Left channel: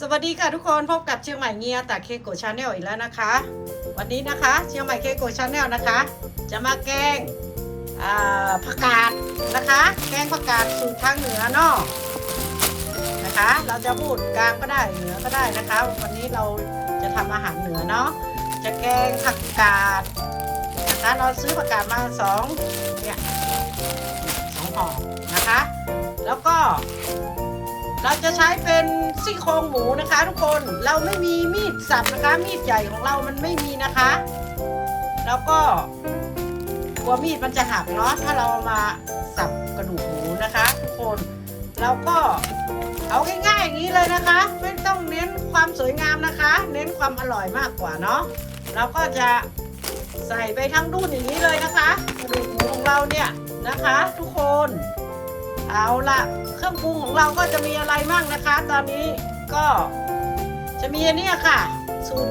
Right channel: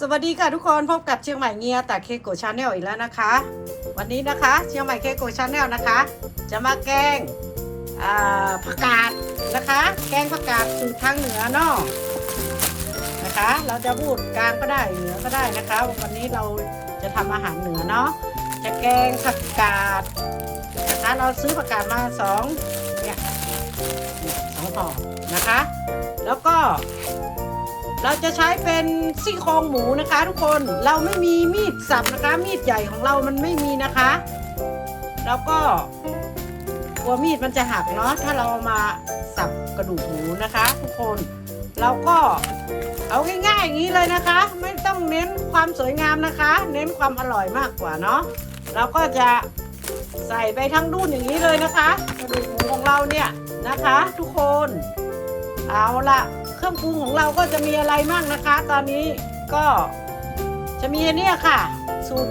สวัสดีค่ะทุกคนพบกับเชียงใหม่เงียแต่เคโกชาแนลอีกแล้วนะคะ วันนี้นะคะ เชียงใหม่เคโกชาแนลนะคะ จะมาแกงผักกาดนะคะ แกงผักกาดสูตรทางเหนือนอกนะคะ เราจะพูดกลางก็ได้เหนือก็ได้นะคะ วันนี้เราจะทำอาหารเหนือเนาะจะแกงผักกาดนะคะเราซื้อผักกาดมาสองเนี่ยสองห่อนะคะ แล้วก็ เราจะใช้เป็นซี่โครงหมูนะคะ ทุกคนเราไม่มีมีดสับนะคะ มีดใหญ่ของเรามันไม่มีนะคะ แล้วก็กลัวมีดมันจะหักเนาะถ้าเรามาสับกระดูกหมูนะคะ ทุกคนเราก็เอาง่ายๆอย่างนี้เลยนะคะ ไม่ต้องเน้นความสวยงามนะคะ เน้นความอร่อยมากกว่าเนาะเราก็จะใส่ไปทั้งดุ่นอย่างนี้เลยนะคะกระดูกหมูของเราเนี่ยนะคะ ทุกคน เอาละเครื่องปรุงของเราก็จะมีอะไรบ้างนะคะ ตอนนี้ก็จะมีอันเนี่ยค่ะ สูตร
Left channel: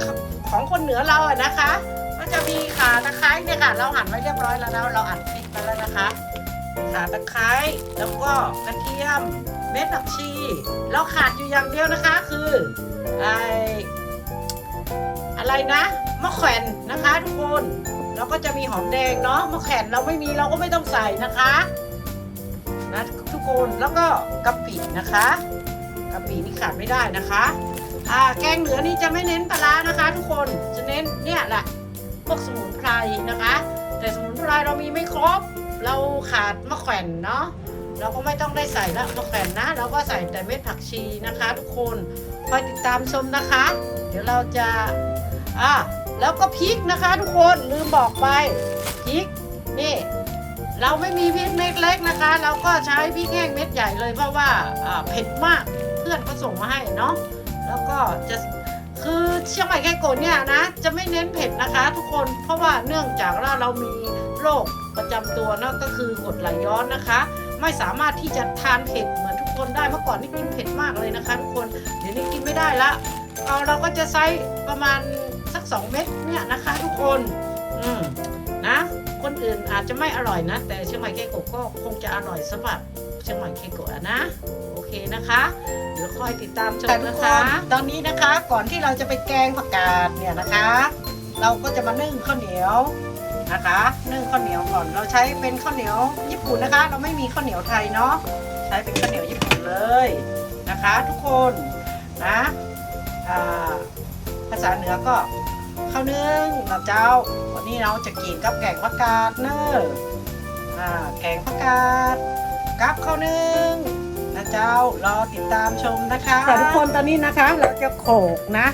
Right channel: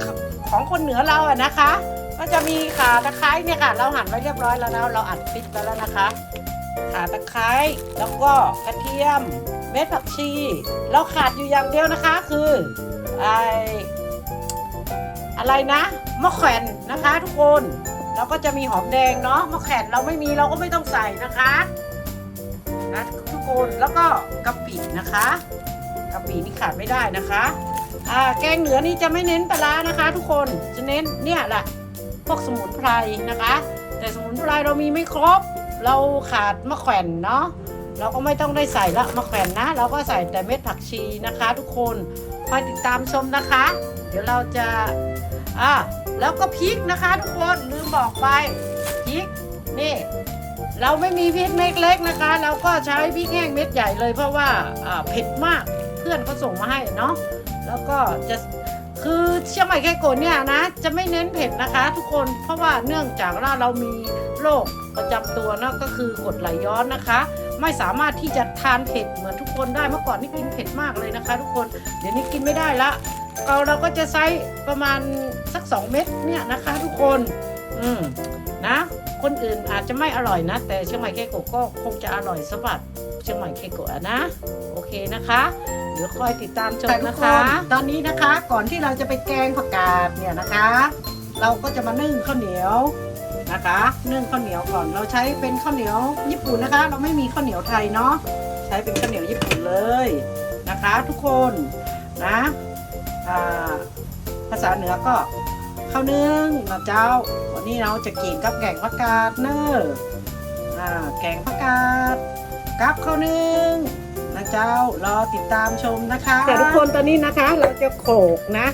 ของคนเหนือเราอะนะคะ ก็จะมีข่าตะไคร้เนี่ยค่ะ เราหั่นไว้เรียบร้อยแล้วนะเราอัดพริกไปแล้วนะคะข่าตะไคร้แล้วก็กระเทียมเม็ดผักชีเราขาดอยู่อย่างเดียวนะคะคือไออะไรนะมะแขวนนะคะ ทุกคนแล้วก็จะมีหอมแดงเนาะมะแขวนเราไม่มีเราก็ไม่ต้องใส่นะคะ นะทุกคนแล้วก็กะปินะคะกะปินี่ขาดไม่ได้นะคะอ่าแกงเหนือนี่จะไม่เน้นปลาร้านะคะ ทุกคนจะเน้นเนี่ยแหละพวกสมุนไพรนะคะ แต่สมุนไพรเรามีไม่ครบ เราขาดมะแขวนเนาะเราก็ไม่ต้องได้ใส่ละมะแขวนนะ เราก็ใส่แต่เม็ดผักชีนะคะ ทุกคนคอยติดตามชมนะคะ เดี๋ยวเราจะอ่าแล้วก็พริกนะคะ ทุกคนลืมบอกไปพริกนี่ เราไม่มีพริกเม็ดเล็กนะคะ เราก็ใช้พริกแห้งเม็ดใหญ่เลยเพราะว่าเผ็ดมากเพื่อนเขาส่งมาให้เนาะแล้วก็จะคือเชียงใหม่แค่โกนเนี่ยนะ จะไม่เน้นเผ็ดนะคะ ทุกคนเพราะว่าเนื่องจากว่าเรามีโรคประจำตัวเนาะก็คือกดไหลย้อนนะคะ ไม่สามารถที่จะทานเผ็ดเหมือนทุกคนได้เมื่อก่อนนี่กินเผ็ดมากเลยนะคะ ทุกคนเดี๋ยวนี้กินไม่ได้ละเราเราก็จะใช้ประมาณสัก 2 เม็ดเนี่ยนะคะ ทุกคนอืม นะ คนอื่นอาจจะไม่อร่อยนะ แต่เชียงใหม่เคโกะก็คงจะอร่อยสำหรับเชียงใหม่เคโกะนะ โอเคนะคะเดี๋ยวคอยติดตามชมนะคะ ตอนนี้นะคะก่อนที่เราจะไปแกงผักกาดเนี่ยนะคะ เราก็จะมานึ่งข้าวเหนียวนะคะนึ่งข้าวเหนียวก่อนเราใช้เป็นข้าวเหนียวญี่ปุ่นนะคะ เราไม่มีข้าวเหนียวไทยเนาะใช้เป็นข้าวเหนียวญี่ปุ่นเลยนะคะ ทุกคนนะภาษาเหนือก็ ข้าวนึ่งนะเจ้า วันนี้เราจะกินกับแกงผักกาดเนอะอ่าแกงผักกาดกับข้าวนึ่งนะเจ้ารอติดตามชมนะคะแต่ทุกคนตอนนี้นะคะ เราจะโขลกนะ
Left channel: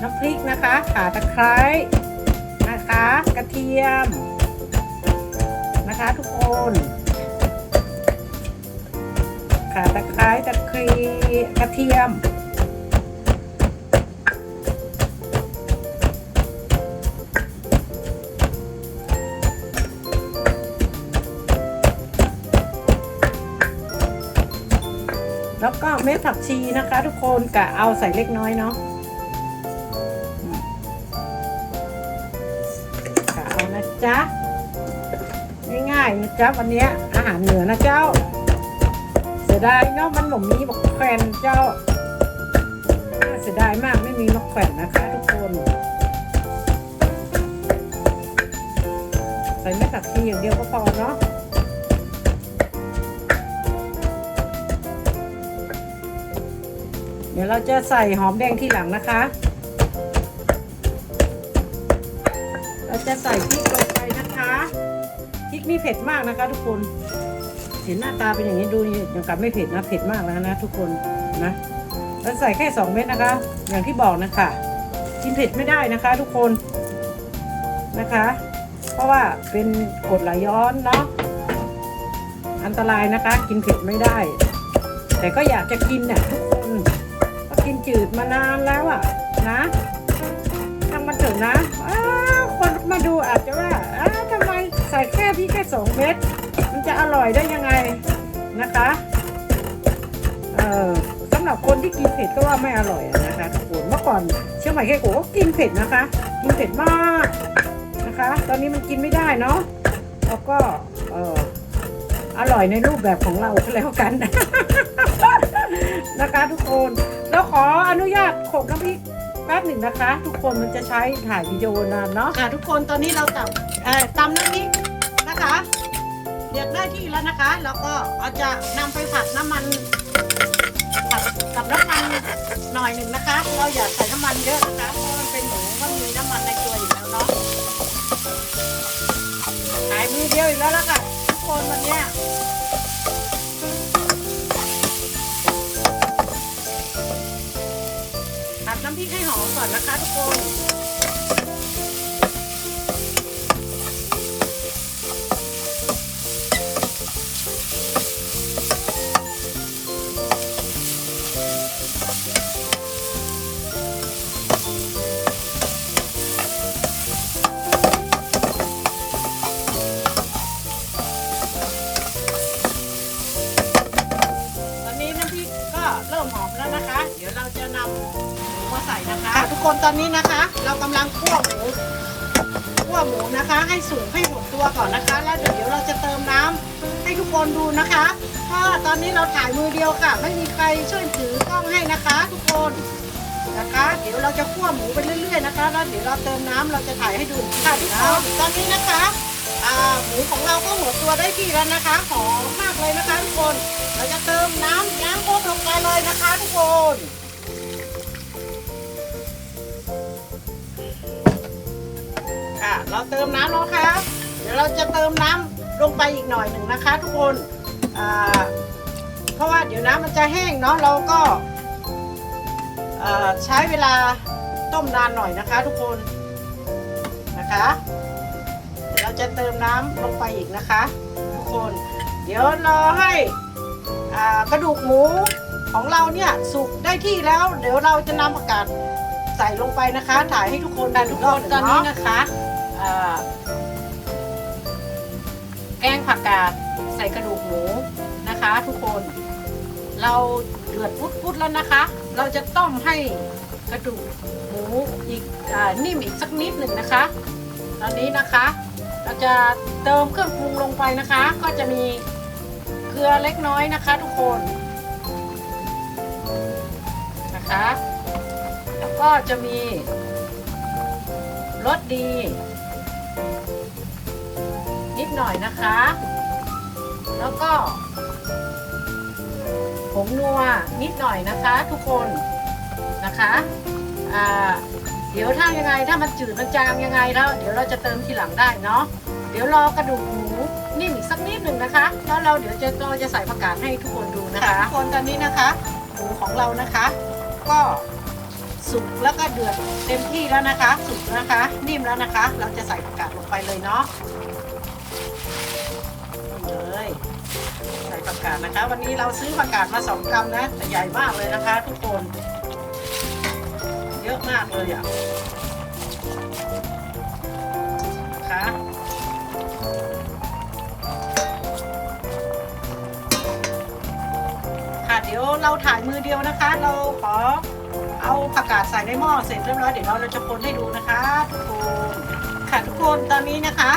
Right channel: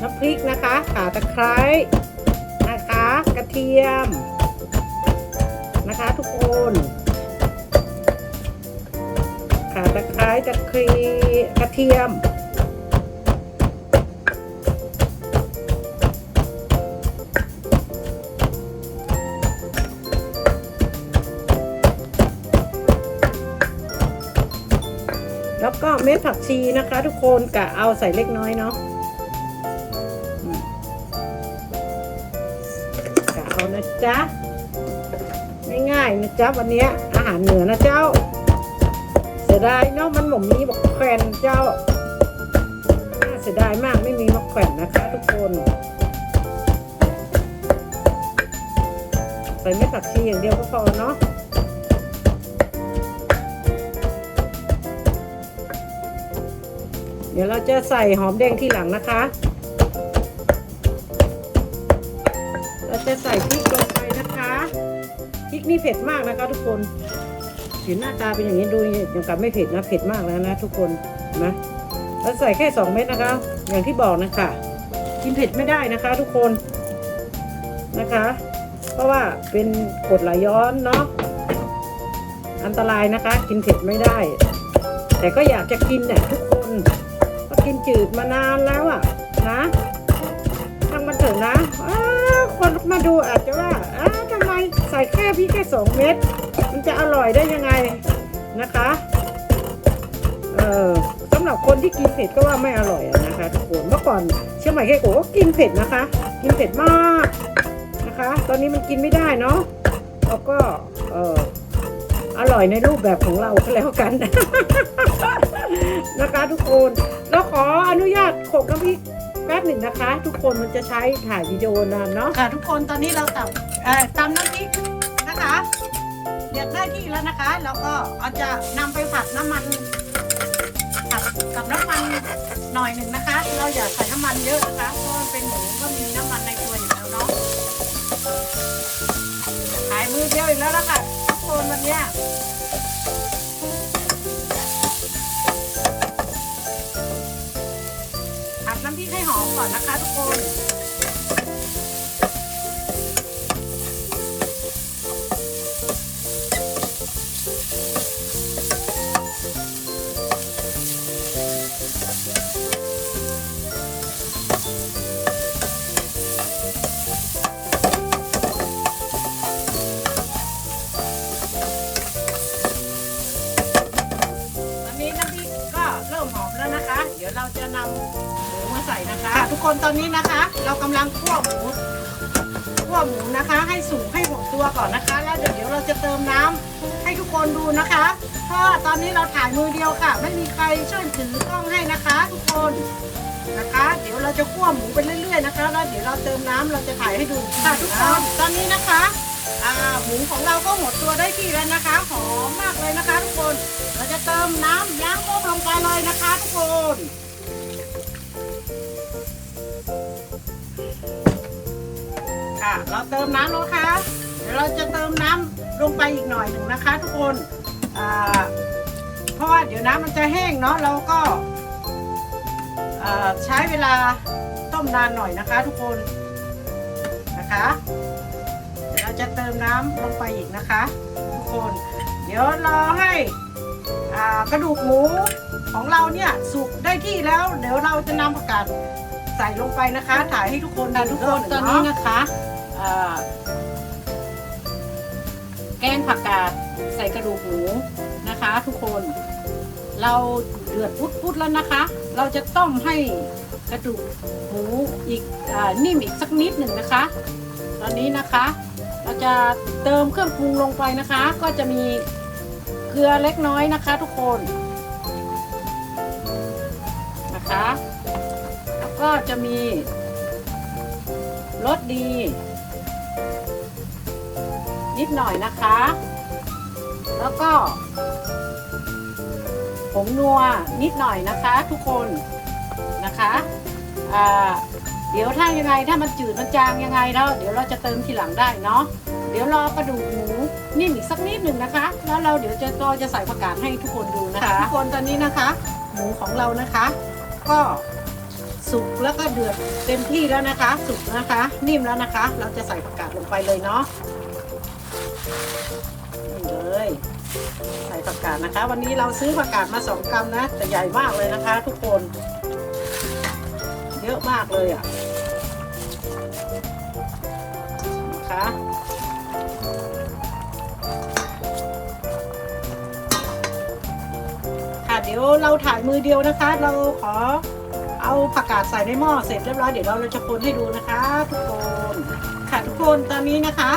น้ำพริกนะคะข่าตะไคร้นะคะ กระเทียมนะคะ ทุกคนข่าตะไคร้ตะครีกระเทียม เม็ดผักชีนะคะ ทุกคนกะเอาใส่เล็กน้อยเนาะกะเอานะจ๊ะง่ายๆนะจ๊ะวันนี้อาหารเหนือนะเจ้า เสียดายเนาะมันหมมีบอกแขวนเจ้าน่าเสียดายมากไม่มีมะแขวนนะคะ ทุกคนใส่เม็ดผักชีอย่างเดียวก็พอ เนาะเดี๋ยวเราจะใส่หอมแดงที่หลังนะคะ เราจะใส่พริกลงไปนะคะพริกนี่เผ็ดมากนะคะ ทุกคน เห็นหน้าตาเป็นอย่างนี้ดูนี่ย่างกับไม่เผ็ดนะเผ็ดมากแล้วนะทุกคนนะเราใส่แค่สองเม็ดนะคะ อย่างที่บอกนะคะกินเผ็ดไม่ได้นะคะ ทุกคนนะคะ เพราะว่าเป็นกดไหลย้อนเนาะอันตรายนะคะ กินเผ็ดไม่ได้ แต่ก็อยากจะกินเนี่ยทุก ก็กินจืดมานานแล้วอะนะทางมันเถอะนะคนมาดูอาจจะว่าทำไมใส่แค่พี่แค่สองเม็ดมันจะอร่อยได้ยังไงนะคะเออสำหรับคนที่กินเผ็ดก็ว่าไม่อร่อยนะคะทุกคนเมื่อก่อนเชื่อไหมแค่โกก็กินเผ็ดนะคะ กินเผ็ดมากนะคะ ตอนนี้มันกินไม่ได้เนาะแล้วก็เอออร่อยในรูปแบบของเราก็แล้วกันนะคะทุกคน เราขออนุญาตโขกน้ำพริกแป๊บหนึ่งนะคะ ทุกคนมันจะใช้ถ่ายวิดีโอนานเนาะค่ะทุกคนตอนนี้เราตับเอ่อตำน้ำพริกนะคะเดือดได้ที่แล้วนะคะ แล้วก็เอาจะนำไปผัดน้ำมันผัดกับน้ำมันหน่อยหนึ่งนะคะ เราอย่าใส่น้ำมันเยอะนะคะเพราะมันเป็นหมูก็มีน้ำมันในตัวอยู่แล้วเนาะขายมือเดียวอีกแล้วล่ะค่ะทุกคนวันเนี้ย ให้หอมก่อนนะคะทุกคน อนนี้นะคะ เรากำลังคั่วหมูคั่วหมูนะคะ ให้สุกให้หมดตัวก่อนนะคะ แล้วเดี๋ยวเราจะเติมน้ำให้ทุกคนดูนะคะเพราะตอนนี้เราถ่ายมือเดียวค่ะ ไม่มีใครช่วยถือกล้องให้นะคะ ทุกคนนะคะ เดี๋ยวเราจะคั่วหมูไปเรื่อย ๆ นะคะ แล้วเดี๋ยวเราเติมน้ำเราจะถ่ายให้ดูค่ะทุกคนตอนนี้นะคะหมูของเราก็หมดตัวได้ที่แล้วนะคะหอมมากเลยนะคะ ทุกคน เราจะเติมน้ำย่างโป๊บลงไปเลยนะคะ ทุกคน เราเติมน้ำแล้วค่ะเดี๋ยวเราจะเติมน้ำลงไปอีกหน่อยหนึ่งนะคะ ทุกคนเพราะว่าเดี๋ยวน้ำมันจะแห้งเนาะเราก็ใช้เวลาต้มนานหน่อยนะคะ ทุกคนนะคะเดี๋ยวเราจะเติมน้ำลงไปอีกนะคะ ทุกคน เดี๋ยวรอให้อ่ากระดูกหมูของเราเนี่ยสุกได้ที่แล้ว เดี๋ยวเราจะนำผักกาดใส่ลงไปนะคะ ถ่ายให้ทุกคนดูทุกคนตอนนี้นะคะ แกงผักกาดใส่กระดูกหมูนะคะ ทุกคนเราเดือดพุดๆแล้วนะคะ เราจะต้มให้กระดูกหมูอีกอนิ่มอีกสักนิดหนึ่งนะคะ ตอนนี้นะคะ เราจะเติมเครื่องปรุงลงไปนะคะ ก็จะมีเกลือเล็กน้อยนะคะ ทุกคนนะคะ แล้วก็จะมีรสดี นิดหน่อยนะคะ แล้วก็ผงนัวนิดหน่อยนะคะทุกคนนะคะเดี๋ยวถ้ายังไงถ้ามันจืดมันจางยังไงแล้ว เดี๋ยวเราจะเติมทีหลังได้เนาะเดี๋ยวรอกระดูกหมูนิ่มอีกสักนิดหนึ่งนะคะ แล้วเราเดี๋ยวจะเราจะใส่ผักกาดให้ทุกคนดูนะคะทุกคนตอนนี้นะคะ หมูของเรานะคะ ก็ สุกแล้วก็เดือดเต็มที่แล้วนะคะ สุกนะคะ นิ่มแล้วนะคะ เราจะใส่ผักกาดลงไปเลยเนาะนี่เลย ใส่ผักกาดนะคะ วันนี้เราซื้อผักกาดมาสองกรัมนะแต่ใหญ่มากเลยนะคะ ทุกคน เยอะมากเลยอะนะคะค่ะเดี๋ยวเราถ่ายมือเดียวนะคะ เราขอ เอาผักกาดใส่ในหม้อเสร็จเรียบร้อยเดี๋ยวเราจะคนให้ดูนะคะ ทุกคนค่ะทุกคนตอนนี้นะคะ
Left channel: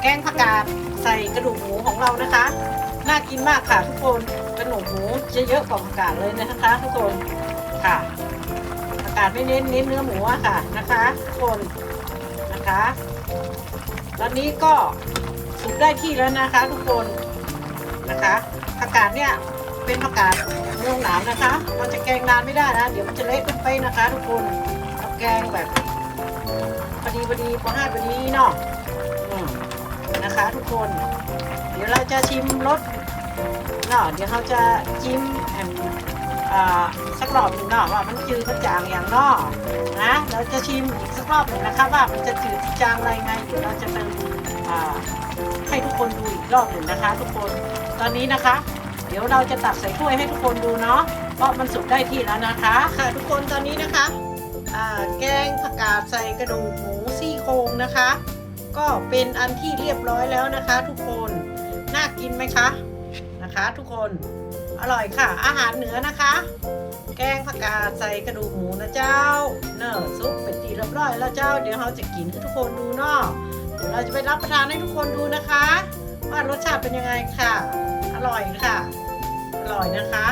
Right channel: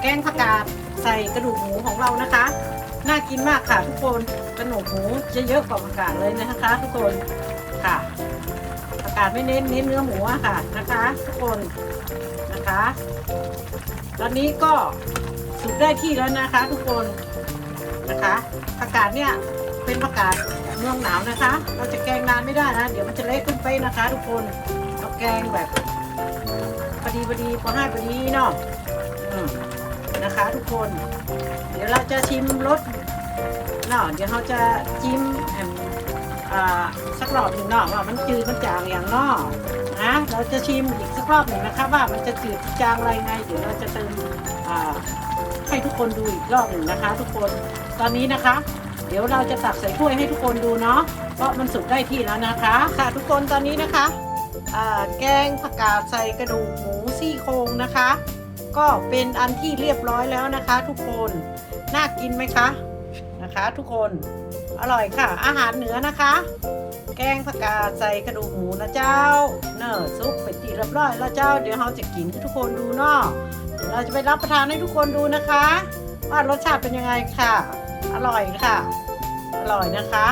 แกงผักกาดใส่กระดูกหมูของเรานะคะ น่ากินมากค่ะทุกคนกระดูกหมูจะเยอะกว่าผักกาดเลยนะคะ ทุกคนค่ะผักกาดไม่เน้นเน้นเนื้อหมูอะค่ะนะคะ ทุกคนนะคะ ตอนนี้ก็สุกได้ที่แล้วนะคะ ทุกคนนะคะผักกาดเนี่ยเป็นผักกาด เมืองหนาวนะคะ เราจะแกงนานไม่ได้นะ เดี๋ยวมันจะเละขึ้นไปนะคะ ทุกคนเราแกงแบบพอดีพอดีพอห้าพอดีเนาะนะคะ ทุกคน เดี๋ยวเราจะชิมรสเนาะเดี๋ยวเราจะจิ้มแอมอ่าสักรอบหนึ่งเนาะว่ามันจืดมันจางอย่างเนอกนะเราจะชิมอีกสักรอบหนึ่งนะคะว่ามันจะจืดจางอะไรไง เดี๋ยวเราจะเติมอ่าให้ทุกคนดูอีกรอบหนึ่งนะคะ ทุกคนตอนนี้นะคะ เดี๋ยวเราจะตักใส่ถ้วยให้ทุกคนดูเนาะเพราะมันสุกได้ที่แล้วนะคะ ค่ะทุกคนตอนนี้นะคะแกงผักกาดใส่กระดูกหมูซี่โครงนะคะ ก็เป็นอันที่เรียบร้อยแล้วนะคะ ทุกคนน่ากินไหมคะนะคะ ทุกคนอร่อยค่ะ อาหารเหนือนะคะ แกงผักกาดใส่กระดูกหมูนะเจ้า เนอะซุปเป็นทีเรียบร้อยแล้วเจ้าเดี๋ยวเราจะกินให้ทุกคนดูเนาะเดี๋ยวเราจะไปรับประทานให้ทุกคนดูนะคะ ว่ารสชาติเป็นยังไงค่ะ อร่อยค่ะ อร่อยนะคะ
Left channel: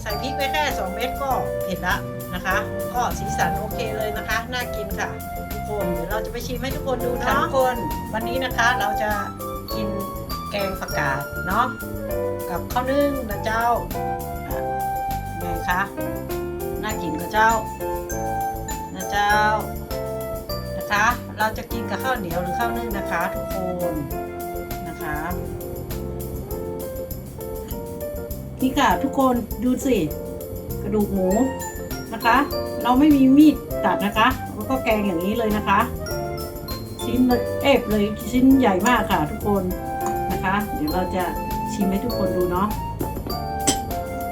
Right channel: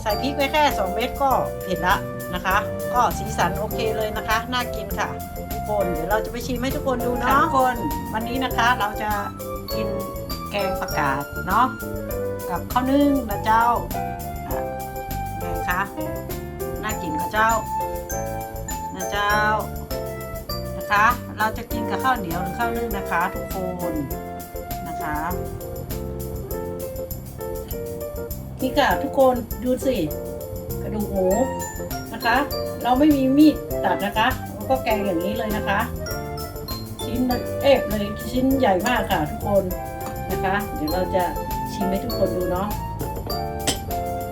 ใส่พริกไปแค่ 2 เม็ดก็เผ็ดละนะคะ ก็สีสันโอเคเลยนะคะ น่ากินค่ะ ทุกคนเดี๋ยวเราจะไปชิมให้ทุกคนดูเนาะทุกคนวันนี้นะคะเราจะกินแกงผักกาดเนาะกับข้าวนึ่งนะเจ้าอะไงคะน่ากินกับเจ้านะเจ้านะคะ เราจะกินกับข้าวเหนียวหรือข้าวนึ่งนะคะ ทุกคนนะคะ นี่ค่ะทุกคนดูสิกระดูกหมูนะคะ เราไม่มีมีดตัดนะคะแล้วก็แกงอย่างนี้เลยนะคะ ชิ้นเอฟเลยชิ้นใหญ่มากค่ะทุกคนนะคะ เดี๋ยวเราจะชิมให้ทุกคนดูเนาะ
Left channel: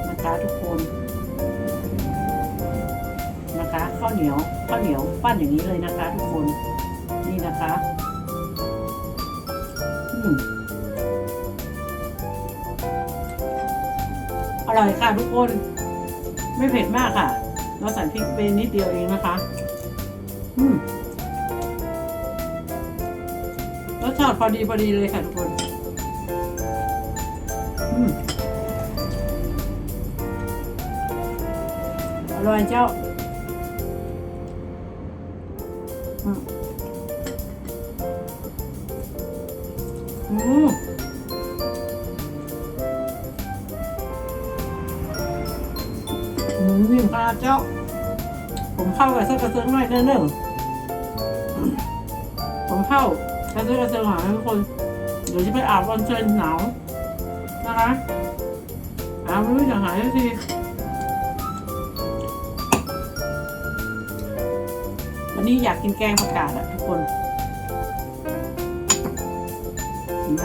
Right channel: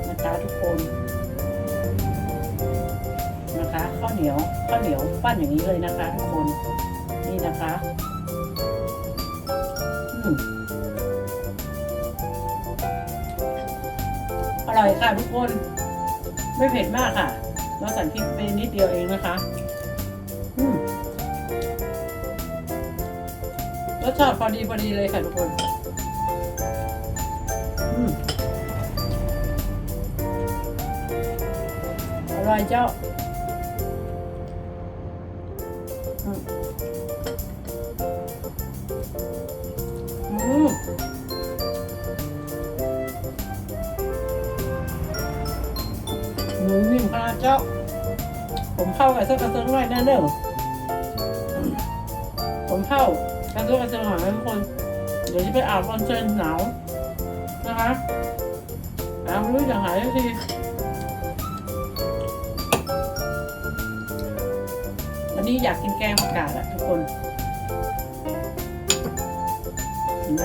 นะคะทุกคนนะคะข้าวเหนียวข้าวเหนียวปั้นอย่างนี้เลยนะคะ ทุกคนนี่นะคะ อืม อร่อยค่ะทุกคน ไม่เผ็ดมากค่ะ เราใส่พริกไปนิดเดียวเองนะคะ อืมรสชาติพอดีพอดีเลยค่ะทุกคน อืมอร่อยเจ้า อืม เจ้า ผมเข้ากับเสื้อกระเซิงหน่อยเด้อผมเข้ากับเสื้อกระเซิงหน่อยนะทุกคน เดี๋ยวจะไปอาบวันเชิญหนาวนะคะอาบไม่รู้จะหายสักทีวันนี้อยากกินแกงผักกาดอะทุกคนเห็นไหม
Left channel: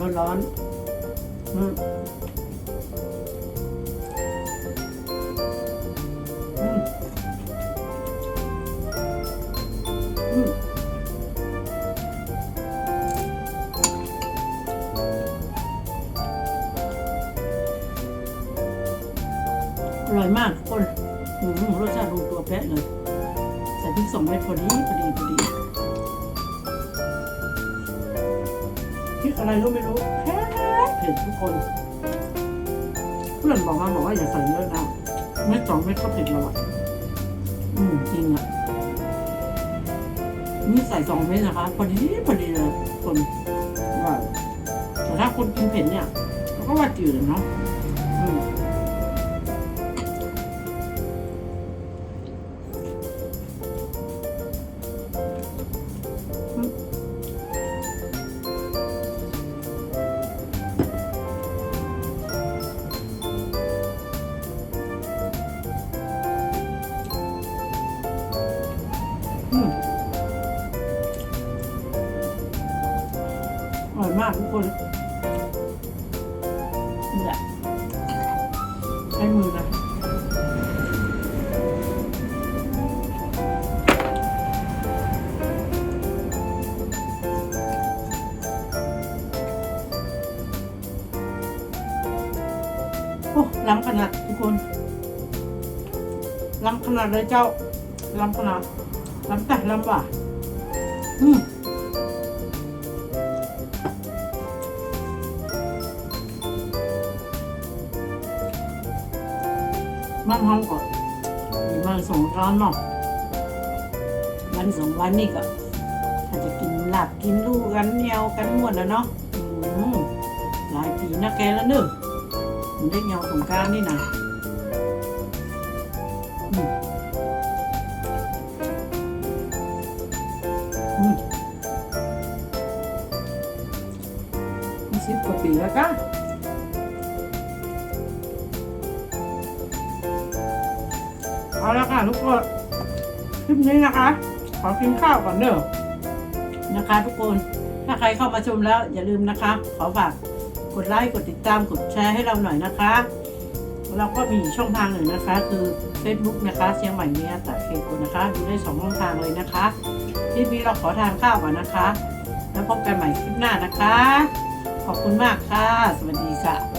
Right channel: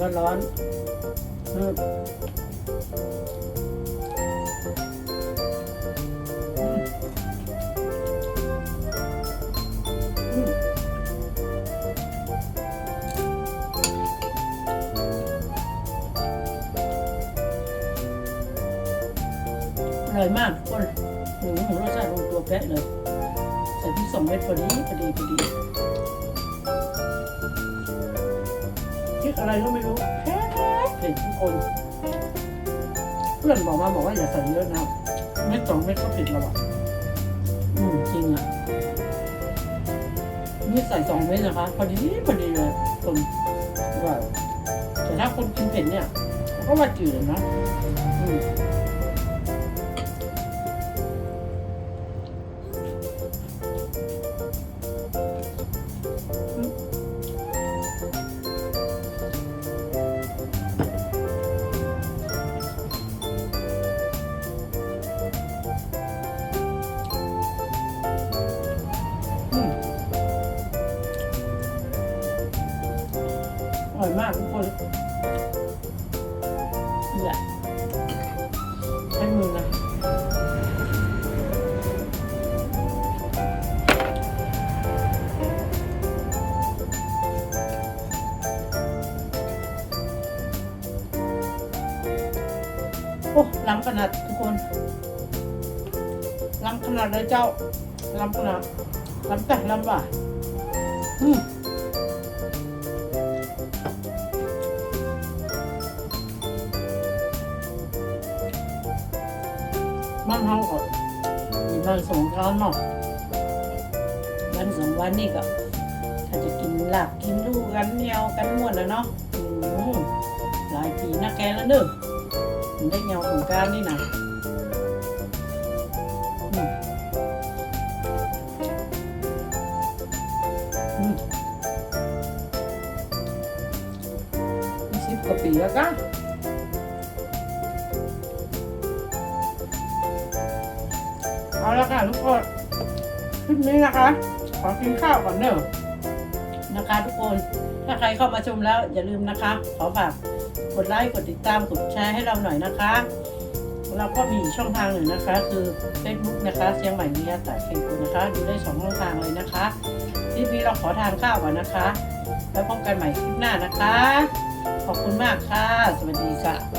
ร้อนๆ อะไรก็ไม่รู้แพ้เผ็ดทุกคน เพื่อนบอกมาบอกว่าอย่าใส่เยอะนะเม็ดสองเม็ดก็เผ็ดแล้วอะอืมจริงอะนี่ใส่สองเม็ดนะคะพอดีพอดีเลยคนอร่อยแต่ถ้าคนกินเผ็ดเนี่ยก็ว่าจืดนะอืมากทุกคนเนี่ยใช้มือนะโอ้ล้ำขนาดทุกคนล้ำขนาดเลยเจ้าล้ำขนาดล้ำแต่ล้ำว่ะอืมานเฮาก็มีวันสงกรานต์เนาะวันสองวันนี่ก็ถ้าจะกินหลับกินลูกกันเหนียวกันม่วนแล้วเนาะหลายปีนะแกแล้วเนอะถึงได้เหนียวสงกานต์นี่นะอืมอืมยี่สิบกว่าปีแล้วก็ ค่ะทุกคนคลิปนี้นะคะ ขอกินข้าวก่อนเนอะนะคะ ทุกคนถ้าใครเข้ามาชมแล้วอย่าลืมนะคะ ขอฝากกดไลค์กดติดตามกดแชร์ให้เราหน่อยนะคะ เราก็มีช่องทางหนึ่งนะคะ คือ Facebook นะคะเชียงใหม่เมียแต่เคกุนะคะดูได้สองช่องทางเลยนะคะคลิปนี้เราขอทานข้าวก่อนนะคะ แล้วพบกันใหม่คลิปหน้านะคะ ขอบคุณมากค่ะ สวัสดีค่ะ